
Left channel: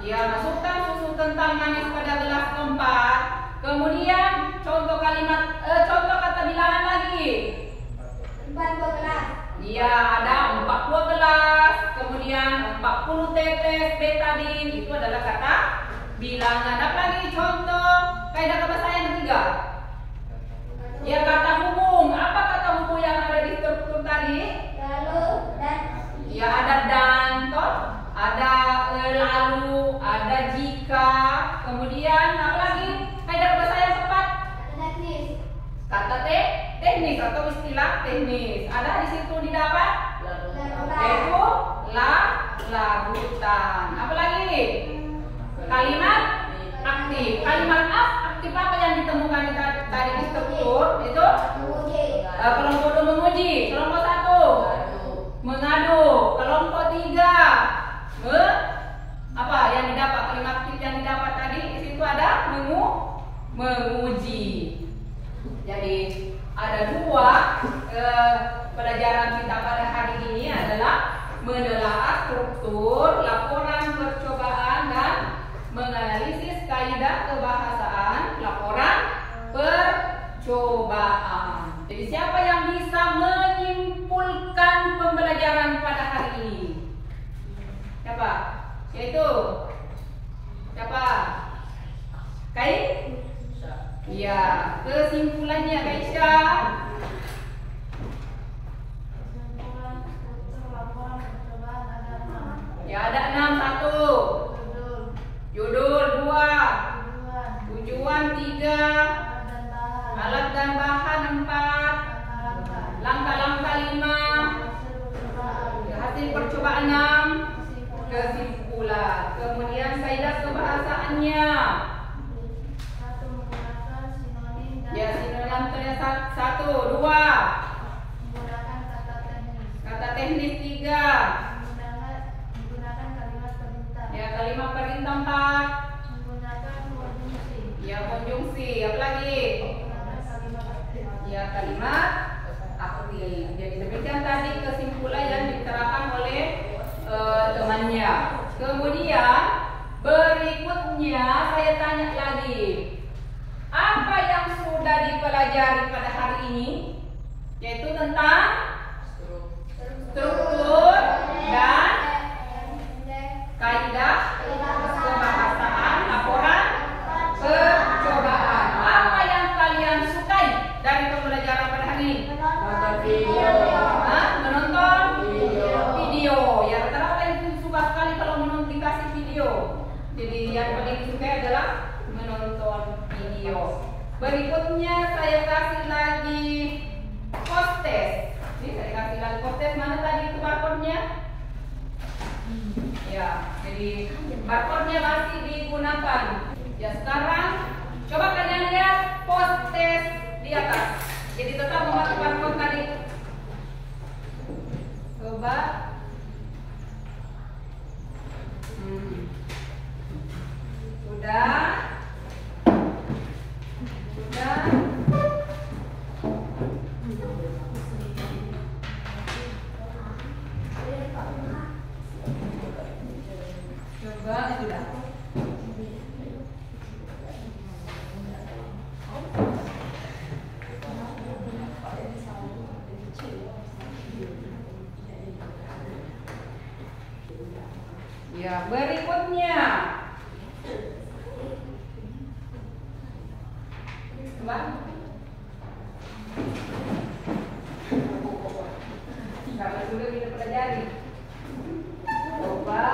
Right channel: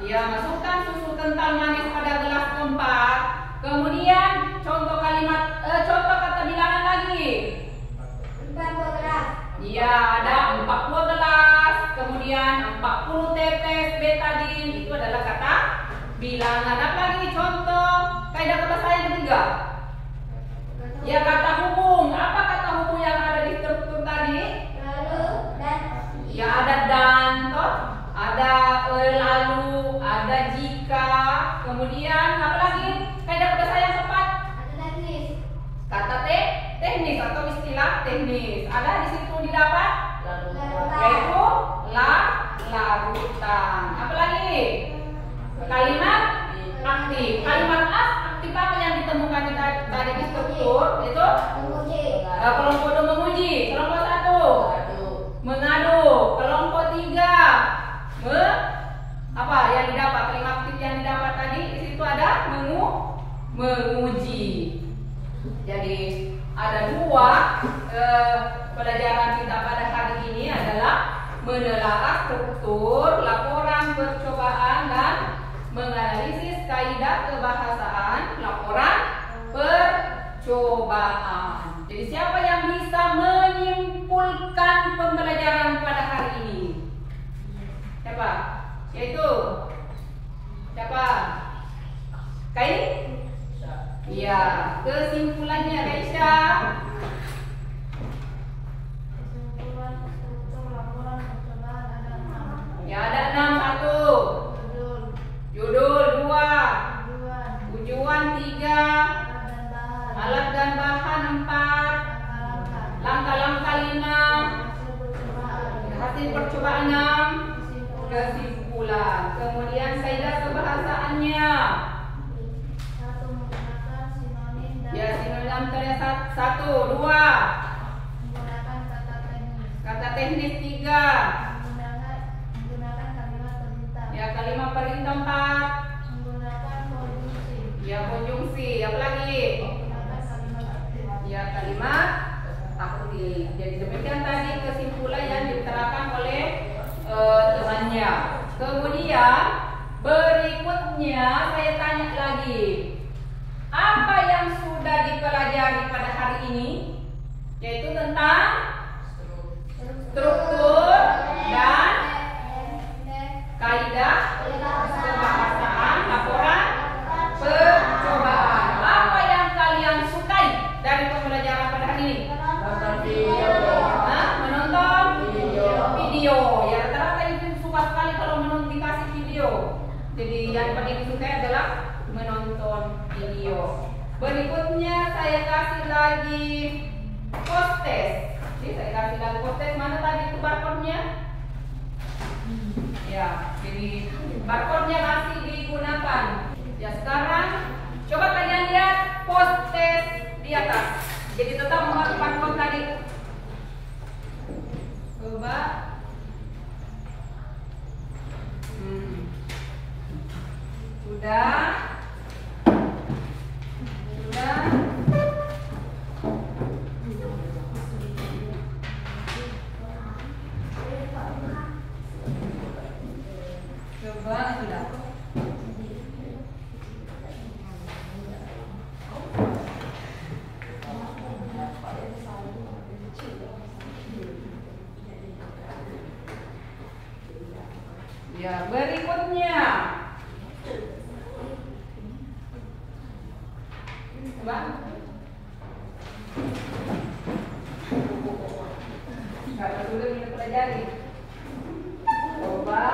Ya, masukkan susu kental manis pada gelas keempat. Kemudian contoh kalimat, contoh kata bilangan lagi. 4 Iya, ada 4 buah gelas, kemudian 40 tetes betadin. Itu adalah kata bilangan. Apa lagi contoh kaidah kebahasaan yang ketiga? Ya, kata hubung. Apa kata hubung yang ada di struktur tadi? Ya, ada dan, toh, ada lalu, ada jika. Kemudian apa lagi? Kaidah kebahasaan yang keempat? Kata teknis atau istilah teknis. Ada di situ didapat? Yaitu larutan. Apa lagi? Kalimat aktif. Kalimat aktif apa yang ditemukan tadi di struktur? Itu kelompok 2 menguji, kelompok 1 mengadu, kelompok 3 apa yang didapat? Kalimat aktif yang didapat tadi di situ ada menguji. Jadi ada 2 pelajaran kita pada hari ini adalah menelaah struktur laporan percobaan dan menganalisis kaidah kebahasaan laporan percobaan. Jadi siapa yang bisa menyimpulkan pembelajaran pada hari ini? Siapa? Yaitu siapa? Kai? Iya, kesimpulannya Kaisha. Ya, ada 6. 1 judul, 2 tujuan, 3 alat dan bahan, 4 langkah-langkah, 5 hasil percobaan, 6 kesimpulan. Kemudian kaidah kebahasaannya. Ya, sinonim ternyata 1, 2 kata teknis, 3 ya, kalimat perintah, 4 ya, konjungsi. Apa lagi? Ya, kalimat aktif. Jadi demikian tadi kesimpulan yang diterapkan oleh temannya. Kemudian berikutnya saya tanya lagi, apa yang sudah dipelajari pada hari ini? Yaitu tentang struktur dan kaidah kebahasaan laporan percobaan. Apa yang kalian sukai dari pembelajaran pada hari ini? Menonton video. Ya, rata-rata itu suka sekali kalau dikasih video. Jadi yang paling disukai adalah menonton video. Berikutnya saya kasih lagi post test. Ini saya kasih lagi post test. Mana tadi itu barcode-nya? Ya, jadi barcode-nya masih digunakan. Ya, sekarang coba kalian lihat post test di atas. Jadi tetap memakai barcode tadi. Coba. Sudah. Coba sudah. Ya, berikutnya. Coba. Kalau sudah kita pelajari. Coba.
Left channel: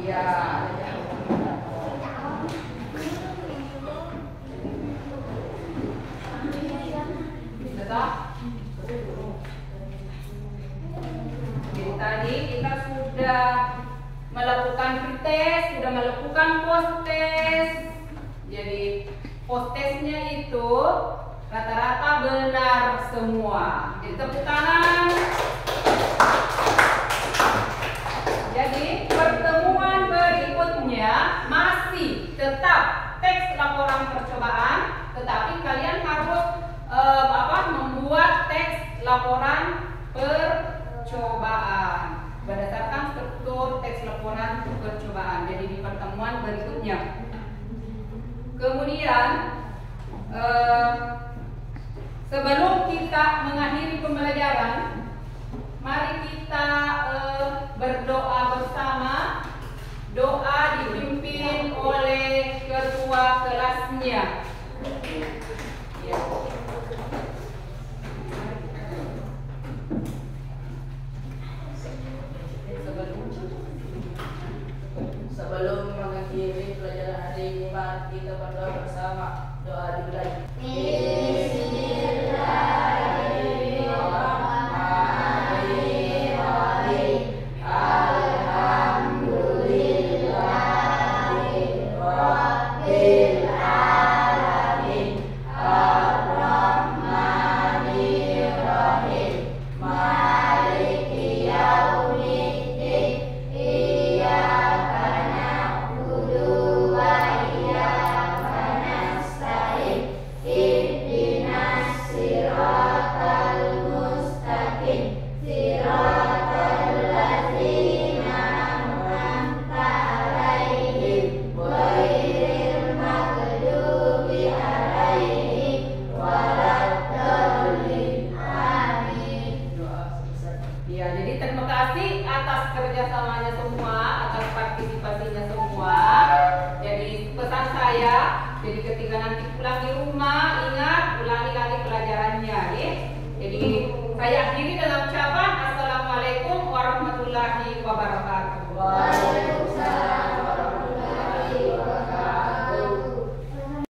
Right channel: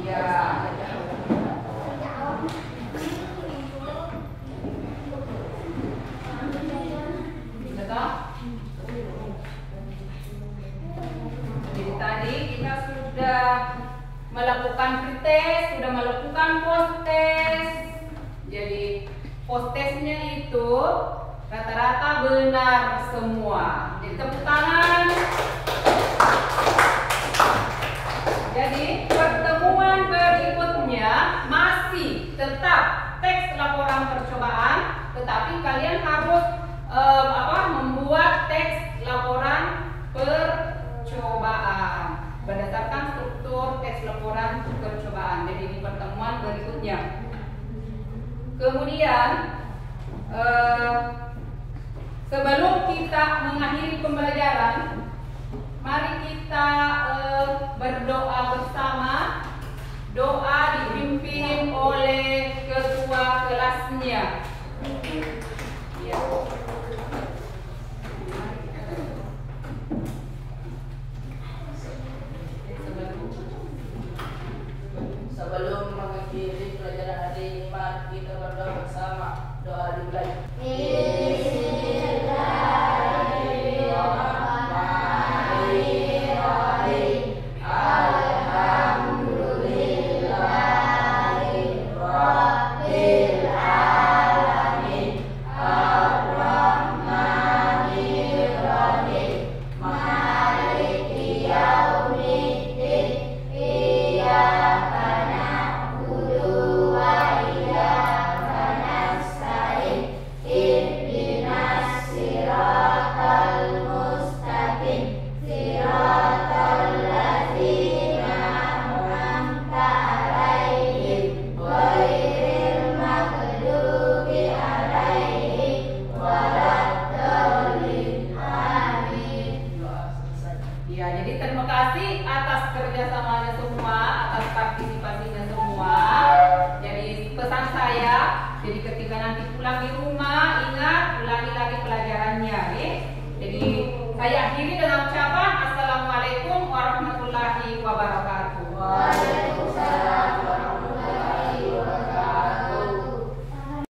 Ya. Jadi tadi kita sudah melakukan pretest, sudah melakukan post test. Jadi post testnya itu rata-rata benar semua. Jadi tepuk tangan. Jadi pertemuan berikutnya masih tetap teks laporan percobaan, tetapi kalian harus membuat teks laporan percobaan berdasarkan struktur teks laporan percobaan. Jadi di pertemuan berikutnya. Kemudian sebelum kita mengakhiri pembelajaran, mari kita berdoa bersama. Doa dipimpin oleh ketua kelasnya. Ya. Sebelum mengakhiri pelajaran hari ini, mari kita berdoa bersama. Doa dimulai. kerjasamanya semua, atas partisipasinya semua. Jadi pesan saya, jadi ketika nanti pulang di rumah, ingat ulangi lagi pelajarannya, ya. Jadi saya akhiri dengan ucapan Assalamualaikum warahmatullahi wabarakatuh.